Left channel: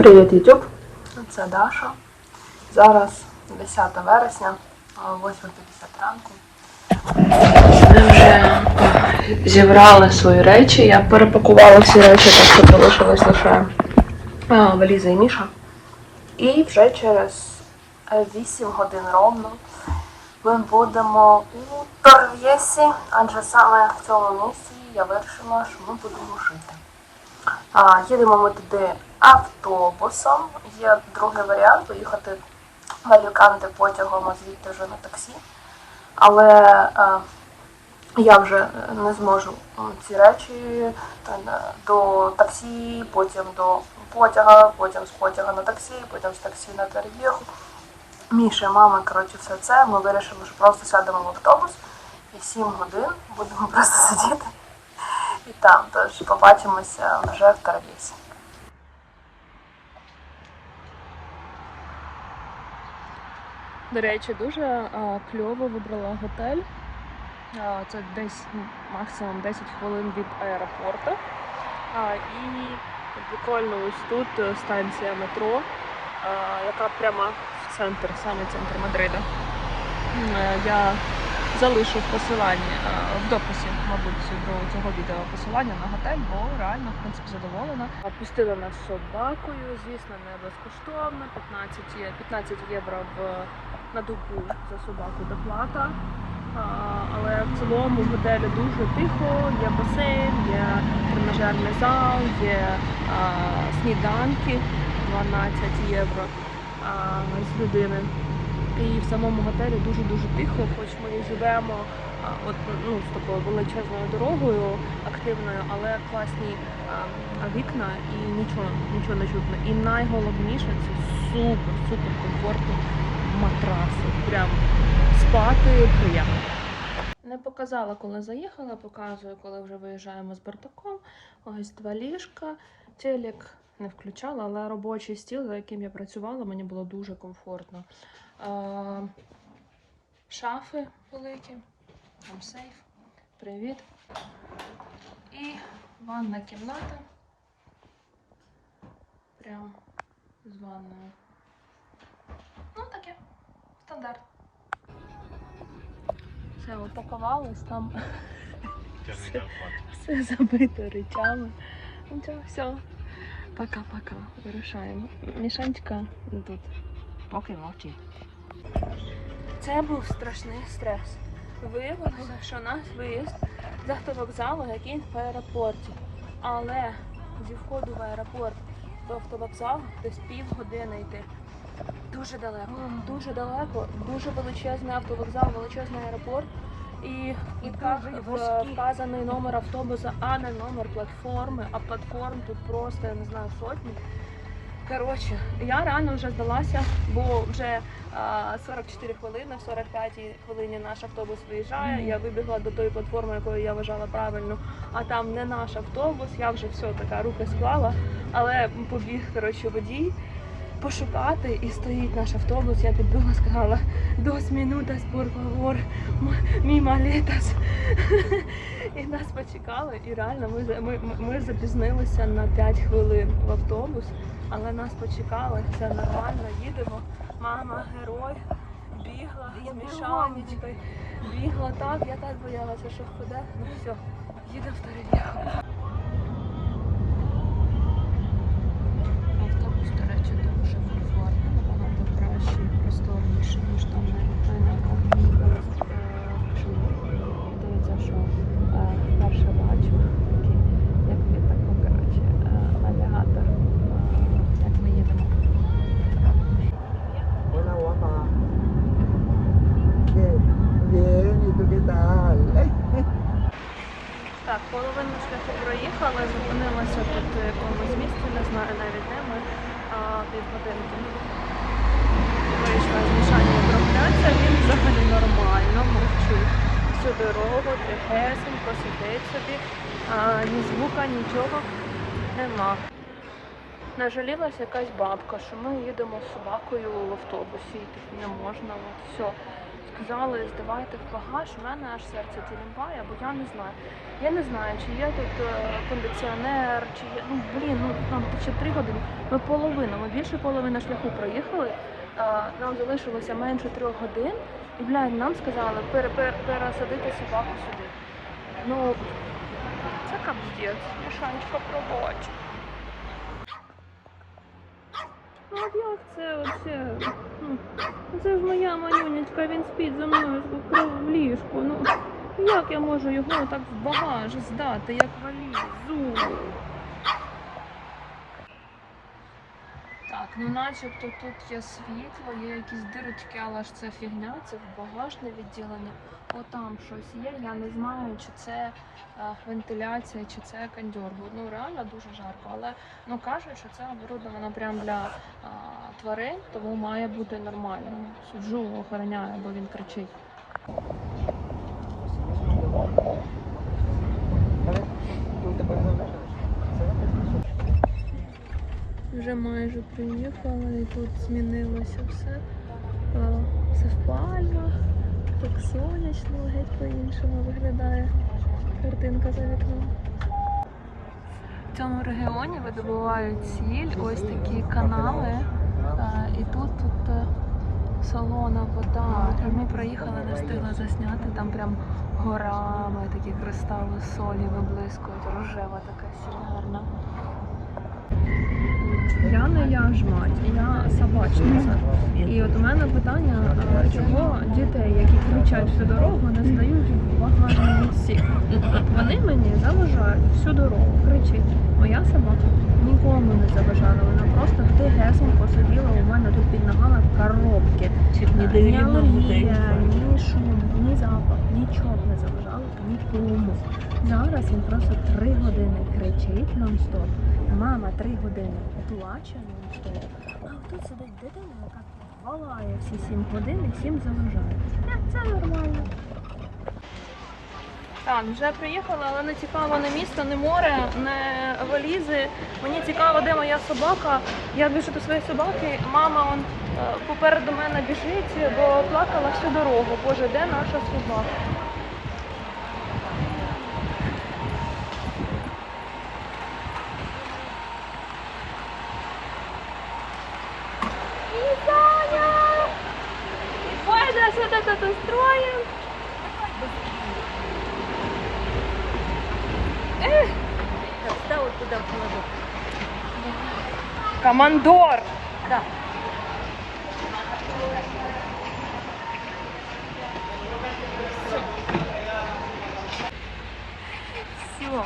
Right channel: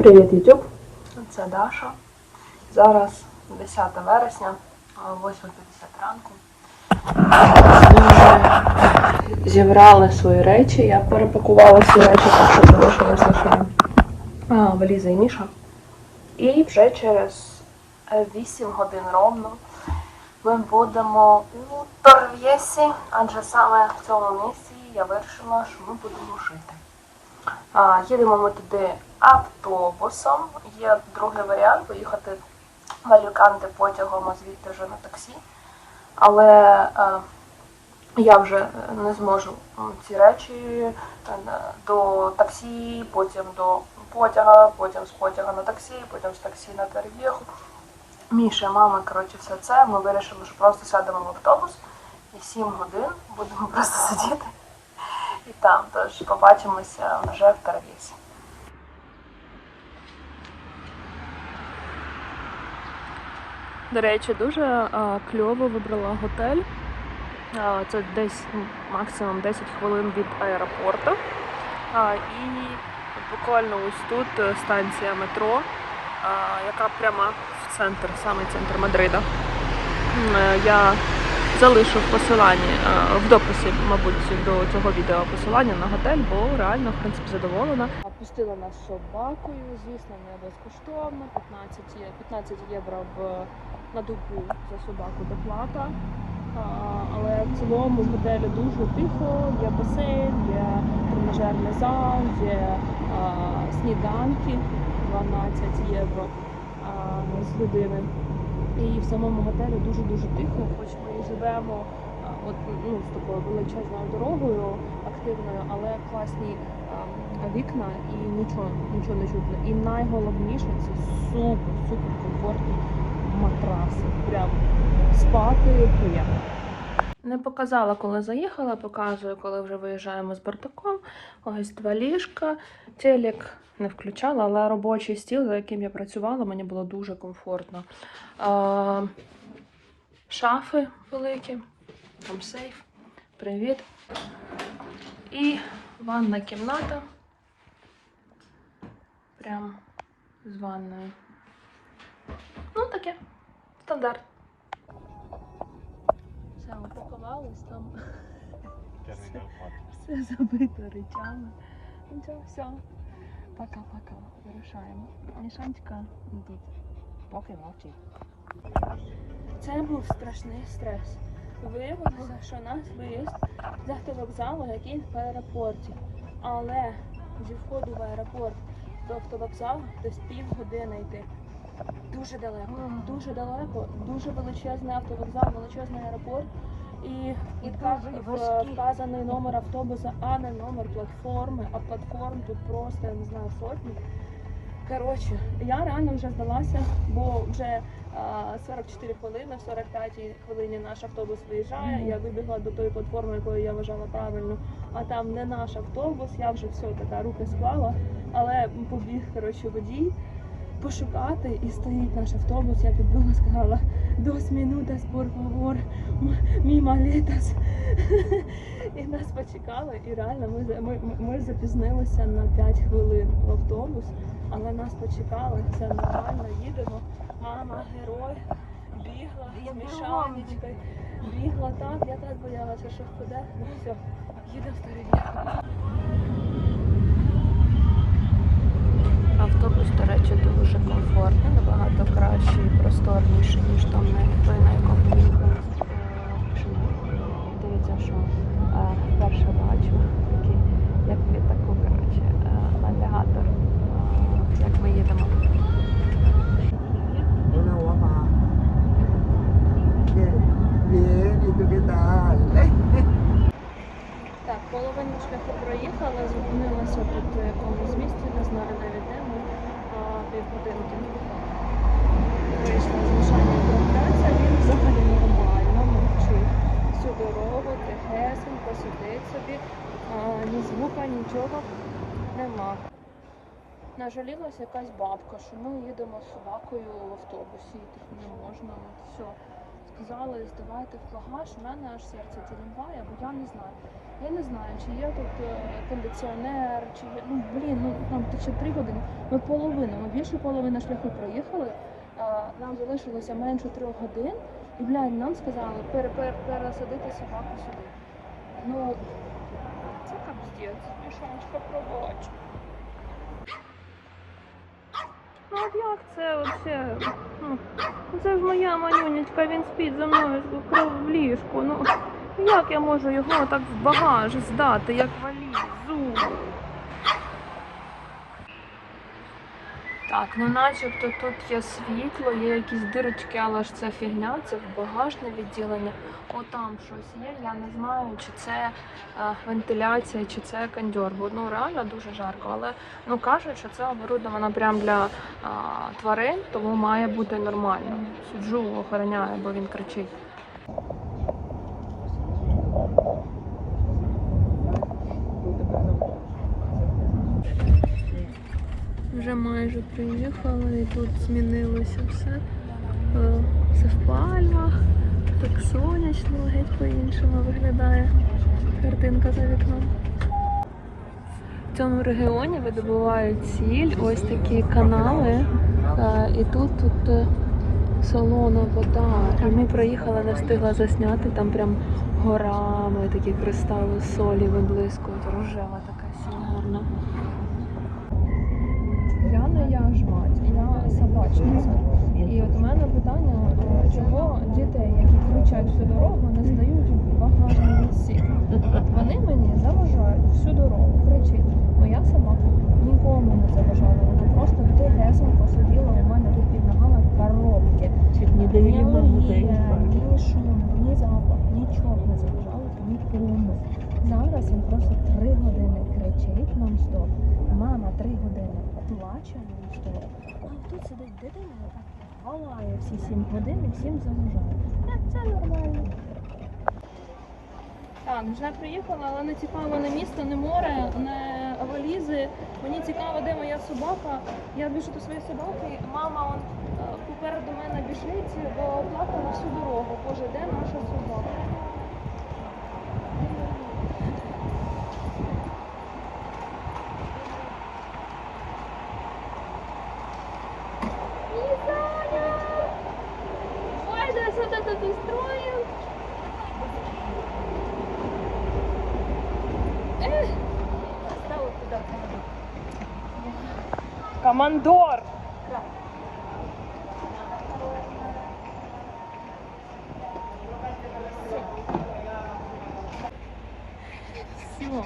Привіт, YouTube! Це Даша. Зараз 10 вересня, о 8.50 ранку. Ми вже зібрали свої речі. Я перепакувала всі речі, так що залишилось лише валіза і Міша. І вже через е, 8 годин ровно ми будемо у Торв'єсі, адже саме в цьому місці я вирішила, що ми будемо жити. Їдемо ми туди автобусом. Є другий варіант поїхати в Аліканте потягом, а звідти вже на таксі. Але е, я вже не зможу ці речі е, до таксі, потім до потяга, потім з потяга на таксі, потім з таксі на Тарбєху. Міша, мама, коротше, все це. Ми вирішили, що просто сядемо в автобус і 7 годин будемо просто сидіти і там. Тож побачимося вже в Тарбісі. До речі, дуже а, кльово вибрала готель. А, це десь ну, максимум 10 хвилин від аеропорту. А, і буквально ось тут е, станція метро, а, яка прямо в центр, саме центр Мадрида. Е, Я залишу е, в дописі, мабуть, до цього відео посилання на готель, бо реально, в принципі, задоволена. Пустила нас собакою, звісно, не безкоштовно. 15, є- 15 євро в на добу за собаку доплата. Але в цілому в готелі дуже тихо, є басейн, є тренажерний зал, є сніданки 12 євро з людини. І в самому готелі дуже-дуже тихо, хоч ми і живемо от, ну, з такою величезною дорогою активною, але класні а, вікна і нічого, нічого не чутно. І найголовніше це супер, супер комфортні матраси. Прям спати приємно. Не показала, коли заїхала, показую, коли вже виїжджаємо з Бартаком. Ось два ліжка. Телек не включала, але робочий стіл, за яким я працювала, мені було дуже комфортно. А, шафи великі, там сейф. Привіт. І ванна кімната. Прям з ванною. Ну, таке. Стандарт. Все, упакувалось там. Все, все забито речами. Ну все. Пока-пока. Вирушаємо. Мішанечка тут. Поки мовчить. Це був страшний стрес. Виявилося, що наш виїзд з автовокзалу, який в аеропорті. Але зі входу в аеропорт до автовокзалу десь півгодини йти. Дуже далеко, дуже далеко, дуже величезний автовокзал, величезний аеропорт. І в квитках вказаний номер автобуса, а не номер платформи. А платформ тут просто, я не знаю, сотні. Коротше, я реально вже здалася, бо вже а, 44 хвилини, в 45 хвилині наш автобус виїжджає. Я вибігла до тої платформи, якою я вважала правильно, а там не наш автобус. Я вже все така руки склала, але побіг коротше водій пошукати і стоїть наш автобус. Я підбила, сказала dos minutas, por favor, м- mi. І нас почекали, і реально ми, ми, ми- запізнилися на 5 хвилин в автобус, але нас почекали, все нормально, їдемо. Мама, герой, бігла, з мішанечкою, бігла так, я так боялася, що впаде. Ну все, їдемо в Тарелєв. Автобус, до речі, дуже комфортний, набагато кращий і просторніший, ніж там на. Дивіться, що е, вперше бачу такий, як я таку, коротше, е, навігатор. Як ми їдемо. Так, половину шляху проїхали, зупинилися тут в якомусь місці, не знаю навіть півгодинки. Вийшла з мішання прогуляться, він взагалі нормально, мовчить. Всю дорогу, тихесенько, сидить собі, а, ні звука, нічого нема. Нажалілася якась бабка, що ми їдемо з собакою в автобусі, і не можна, от все. Сказали, здавайте в багаж, у мене аж серце тірімбає, бо я не знаю. Я не знаю, чи є тут е, кондиціонер, чи є. Ну блін, ну там ще три години. Ми половину, ми більше половини шляху проїхали. Е, нам залишилося менше трьох годин, і блядь, нам сказали пере, пере, пересадити собаку сюди. Ну це капздець, Мішанечка пробач. Ну як це оце? Це ж моя малюнечка, він спить за мною в ліжку. Ну як я можу його так в багаж здати, як валізу? Так, ну начебто тут є світло, є якісь дирочки, але ж це фігня, це багажне відділення. Отам щось є, я не знаю, чи це а, вентиляція, чи це кондьор, бо ну реально дуже жарко. Але ну кажуть, що це оборудовано прямо для а, тварин, тому має бути нормально. Суджу охороняю, бо він кричить. Вже майже приїхали і тут змінилося все. Е, Це в пальмах, так сонячно, геть по-іншому виглядає картинка за вікном. В цьому регіоні видобувають сіль, ось такі канали. е, І тут, тут е, солона вода. І ми проїхали, не встигла засняти, там прям горами такі кристали солі виблискують, рожева така сіль гарна. Я не я ж мать, я собачниця. І от у мене питання, чого дітей, які кричать всю дорогу, не здають в багажному місці? Вони мені заважають всю дорогу, кричить. Моя собака нікому не заважала, вона просто тихесенько сиділа у мене тут під ногами в коробці. Не Ні алергія, ні шум, ні запах, нічого не заважало нікому. Зараз він просто три години кричить нон-стоп. Мама три години плаче нон-стоп. А тут сидить дитина, яка волає всі сім годин і всім заважає. Е, Це нормально. Так, вже приїхала, але не цікаво не місто, не море, не валізи. Мені цікаво, де моя собака. Я біжу до своєї собаки, мама он, е, попереду мене біжить, бо плакала всю дорогу. Боже, де наша собака? Командор! Все.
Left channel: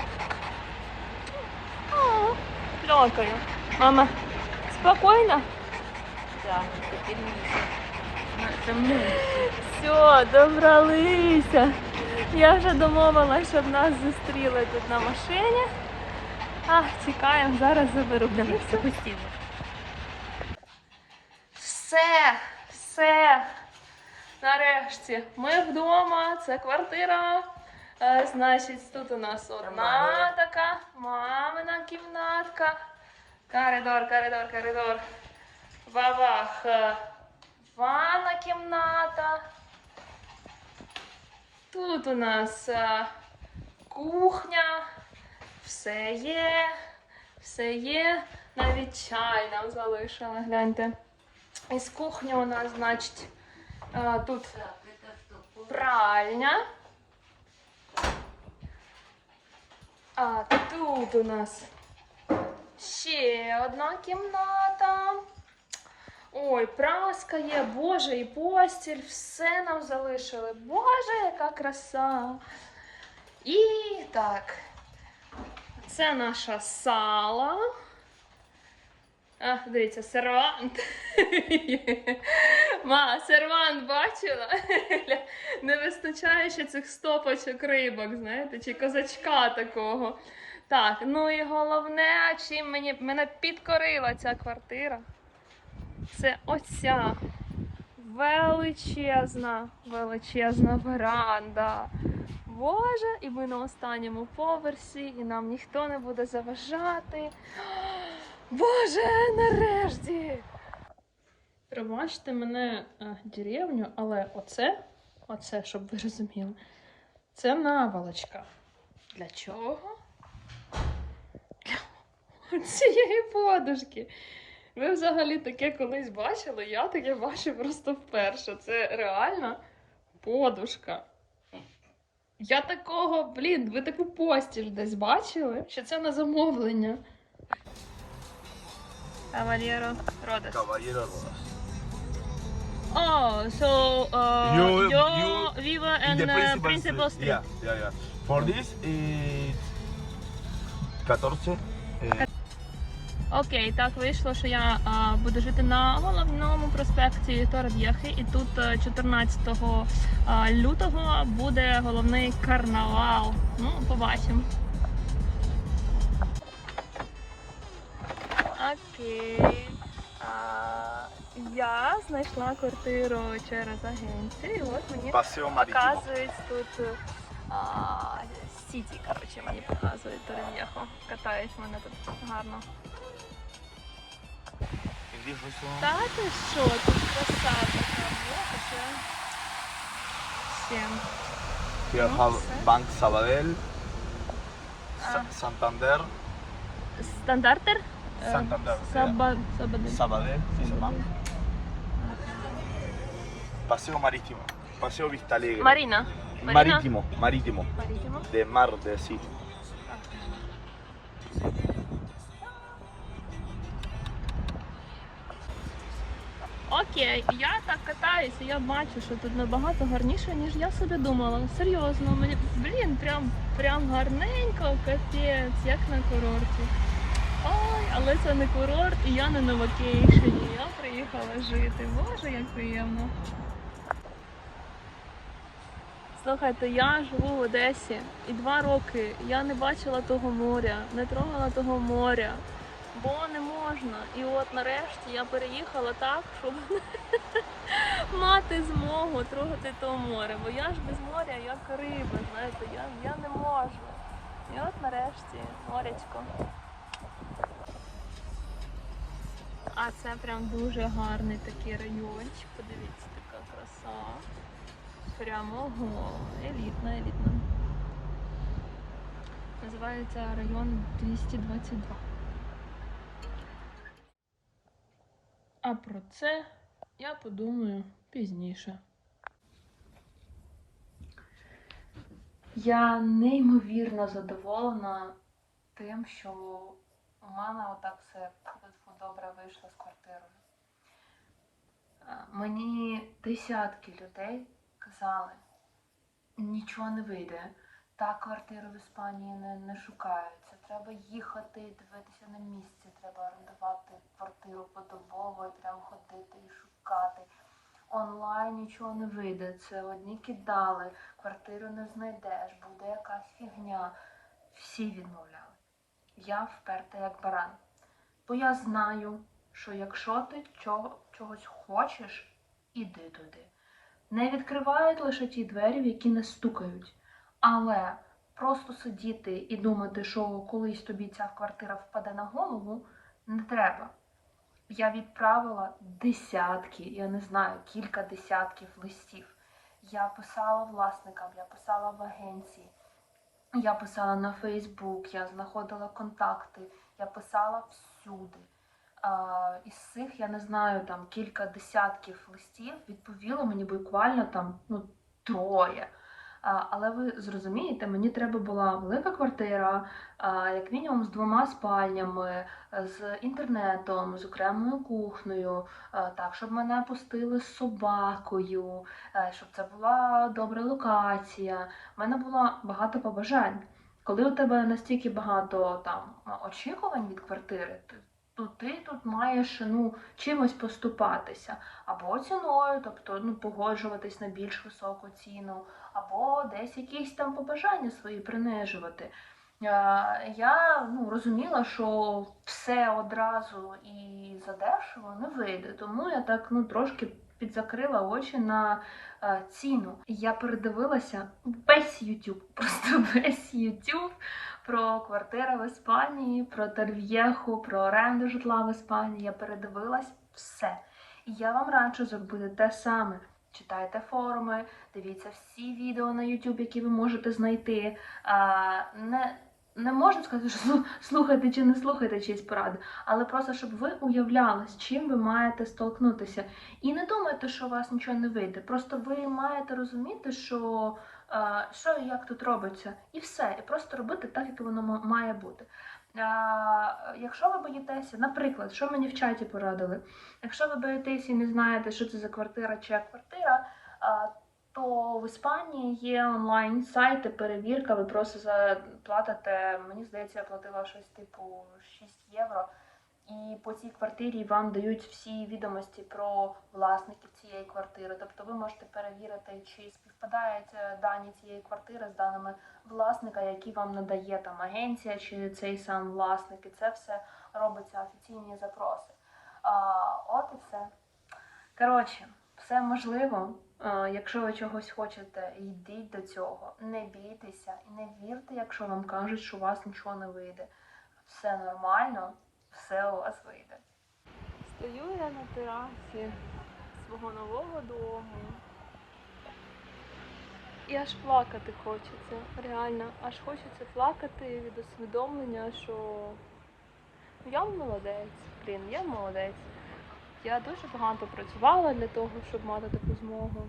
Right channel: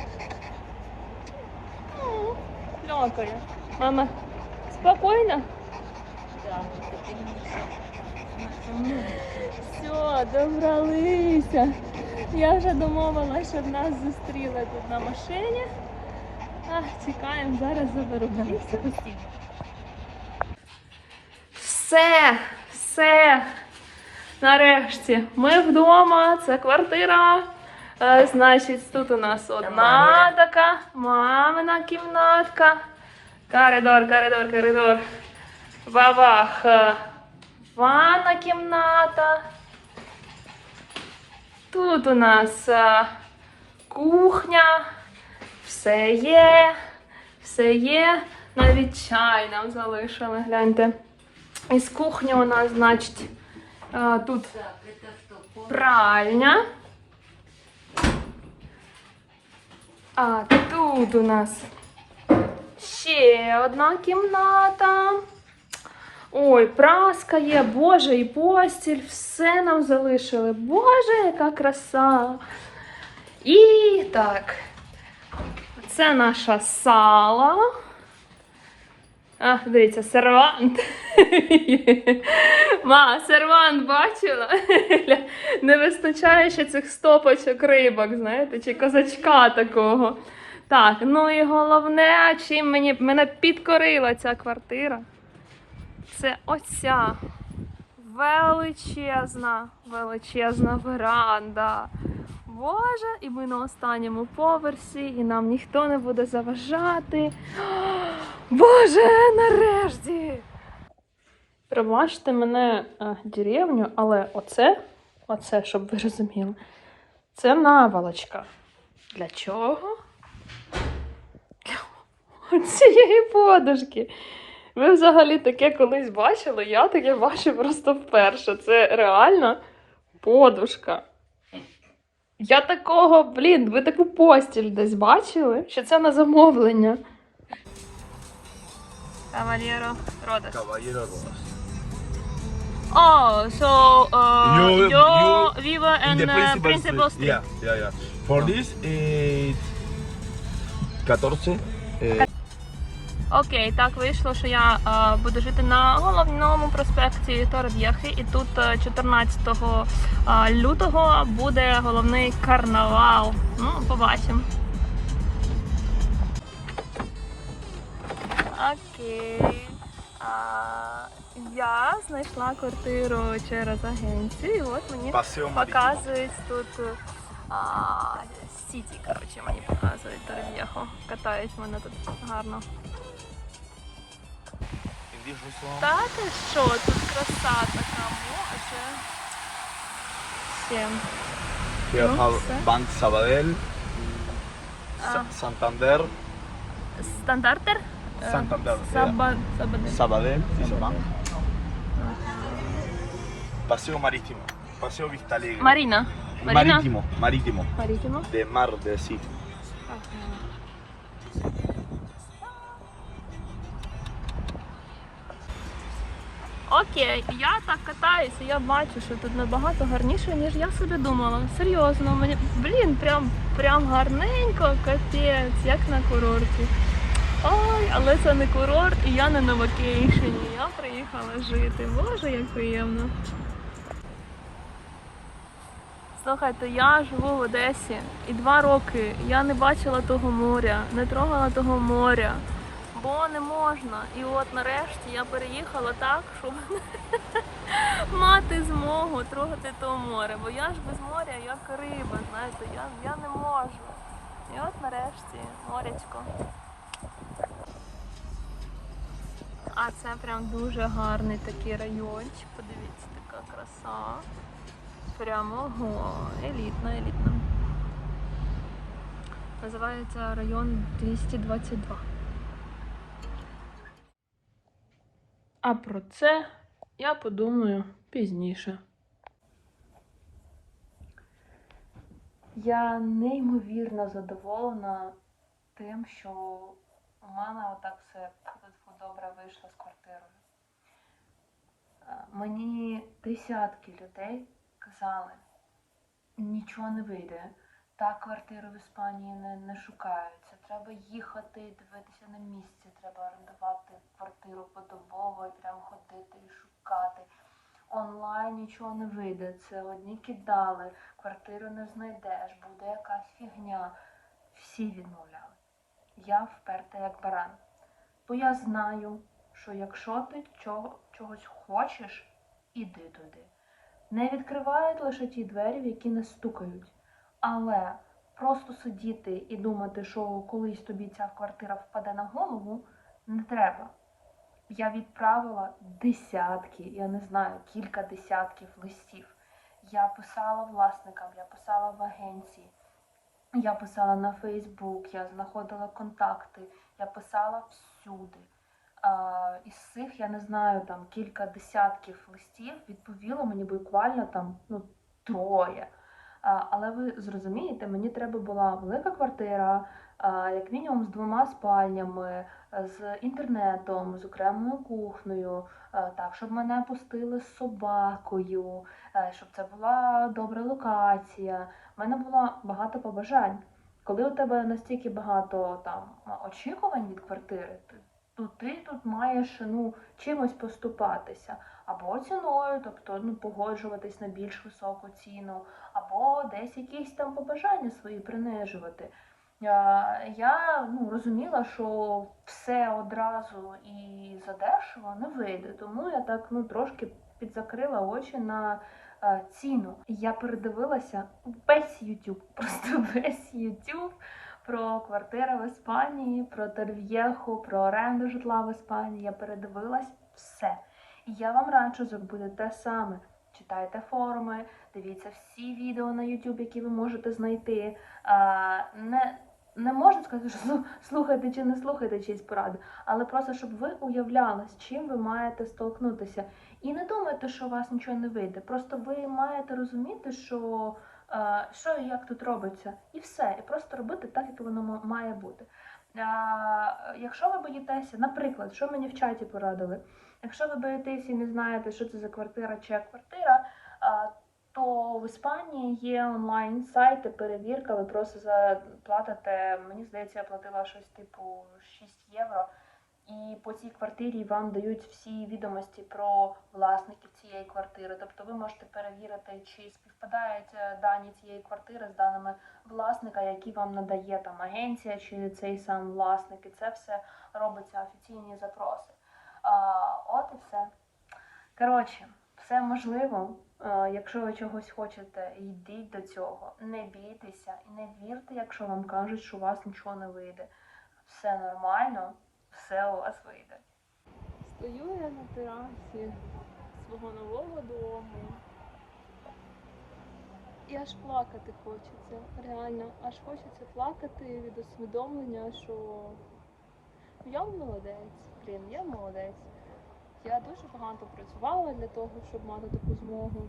Плакаю. Мама, спокойно? Все, добралися. Я вже домовилася, щоб нас зустріли тут на машині. А, чекаємо, зараз заберу. Все, все. Нарешті. Ми вдома, це квартира. Е, значить, тут у нас одна така мамина кімнатка. Коридор, коридор, коридор. Бабах. е, Ванна кімната. Тут у нас е, кухня. Все є. Все є. Навіть чай нам залишили. Гляньте. Із кухні у нас, значить, е, тут пральня. А тут у нас ще одна кімната. Ой, праска є, Боже, і постіль, все нам залишили. Боже, яка краса. І так, це наша сала. А, дивіться, сервант. Ма, сервант бачила? Не вистачає ще цих стопочок рибок, знаєте, чи козачка такого. Так, ну і головне, чим мені мене підкорила ця квартира. Це оця величезна, величезна веранда. Боже, і ми на останньому поверсі, і нам ніхто не буде заважати. Боже, нарешті! Пробачте мене е, деревню, але оце Оце, щоб ви розуміли. Це наволочка. Для чого? Цієї подушки. Ви взагалі таке колись бачили? Я таке бачу просто вперше. Це реально подушка. Я такого, блін, ви таку постіль десь бачили? Що це на замовлення? Кавалєро Родес. Caballero Rodas. Oh, so uh, You- you, you- vive in, In the uh, principal, principal street. Yeah, yeah, yeah. For this, it's 14. eh, Окей, так вийшло, що я е, буду жити на головному проспекті Торб'єхи, і тут е, 14 е, лютого буде головний карнавал. Ну, побачимо. Знайшла квартиру через агенцію, і от мені показують тут а, Сіті, коротше, мені показують Торб'єху. Катають мене тут гарно. Та ти що, тут краса така. Всім. No, have sir. Bank Sabadell, Sa- Ah. Стандартер? Е, Santander, Саба... Сабаде. Sabadell is a bank. Paseo Marítimo, Paseo Vista Alegre. Маріна. Маріна? Marítimo, Marítimo, Марітімо. de mar, de. Ага. Окей, я так катаюся, я бачу, що тут набагато гарніше, ніж я собі думала. Серйозно, мені блін, прям прям гарненько, капець, як на курорті. Ой, але це не курорт, і я не на вакейшені. Я приїхала жити. Боже, як приємно. Слухайте, я живу в Одесі і два роки я не бачила того моря, не трогала того моря. Бо не можна. І от нарешті я переїхала так, щоб мати змогу трогати то море. Бо я ж без моря, як риба, знаєте, я, я не можу. І от нарешті морячко. А це прям дуже гарний такий райончик. Подивіться, така краса. Прямо ого, елітна, елітна. Називається район 222. А про це я подумаю пізніше. Я неймовірно задоволена тим, що у мене отак все добре вийшло з квартирою. Е, Мені десятки людей казали, нічого не вийде. Так квартиру в Іспанії не, не шукаються. Треба їхати, дивитися на місце, треба орендувати квартиру подобово, і треба ходити і шукати. Онлайн нічого не вийде. Це одні кидали, квартиру не знайдеш, буде якась фігня. Всі відмовляли. Я вперта як баран. Бо я знаю, що якщо ти чого, чогось хочеш, іди туди. Не відкривають лише ті двері, в які не стукають. Але просто сидіти і думати, що колись тобі ця квартира впаде на голову, не треба. Я відправила десятки, я не знаю, кілька десятків листів. Я писала власникам, я писала в агенції, я писала на Фейсбук, я знаходила контакти, я писала всюди. Із цих, я не знаю, там кілька десятків листів відповіло мені буквально там ну, троє. Але ви зрозумієте, мені треба була велика квартира, як мінімум з двома спальнями, з інтернетом, з окремою кухнею, так, щоб мене пустили з собакою, щоб це була добра локація. У мене було багато побажань. Коли у тебе настільки багато там очікувань від квартири, то ти тут маєш ну, чимось поступатися або ціною, тобто ну, погоджуватись на більш високу ціну, або десь якісь там побажання свої принижувати. Я ну, розуміла, що все одразу і задешево не вийде, тому я так ну, трошки підзакрила очі на ціну. Я передивилася весь YouTube, просто весь YouTube про квартири в Іспанії, про Терв'єху, про оренду житла в Іспанії. Я передивилась все. І я вам раджу зробити те саме. читайте форуми, дивіться всі відео на YouTube, які ви можете знайти. А, не, не можна сказати, що слухайте чи не слухайте чиїсь поради, але просто щоб ви уявляли, з чим ви маєте столкнутися. І не думайте, що у вас нічого не вийде. Просто ви маєте розуміти, що, е, що і як тут робиться, і все. І просто робити так, як воно має бути. Е, Якщо ви боїтеся, наприклад, що мені в чаті порадили, якщо ви боїтеся і не знаєте, що це за квартира чи квартира, е, то в Іспанії є онлайн сайти, перевірка, ви просто заплатите, мені здається, я платила щось типу 6 євро. І по цій квартирі вам дають всі відомості про власників цієї квартири. Тобто ви можете перевірити, чи співпадають е, дані цієї квартири з даними власника, які вам надає там агенція чи цей сам власник. І це все робиться офіційні запроси. А, от і все. Коротше, все можливо. Е, Якщо ви чогось хочете, йдіть до цього. Не бійтеся і не вірте, якщо вам кажуть, що у вас нічого не вийде. Все нормально, все у вас вийде. Стою я на терасі свого нового дому. І аж плакати хочеться. Реально, аж хочеться плакати від усвідомлення, що я молодець. Блін, я молодець. Я дуже багато працювала для того, щоб мати таку змогу.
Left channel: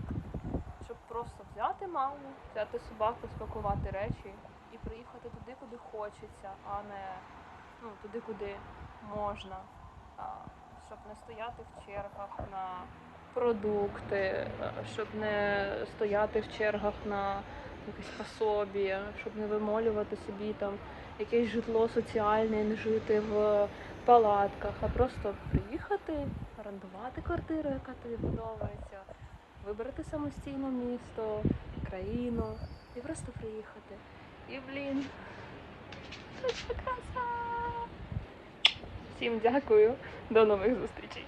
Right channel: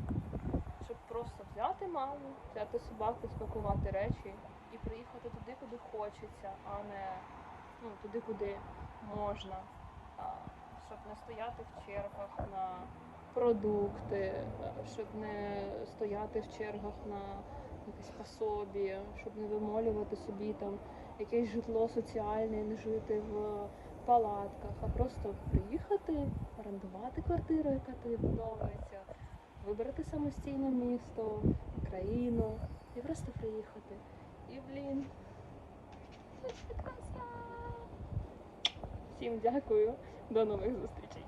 Щоб просто взяти маму, взяти собаку, спакувати речі і приїхати туди, куди хочеться, а не ну, туди, куди можна щоб не стояти в чергах на продукти, щоб не стояти в чергах на якесь пособі, щоб не вимолювати собі там якесь житло соціальне, не жити в палатках, а просто приїхати, орендувати квартиру, яка тобі подобається, вибрати самостійно місто, країну і просто приїхати. І блін, це краса! Всім дякую. До нових зустрічей.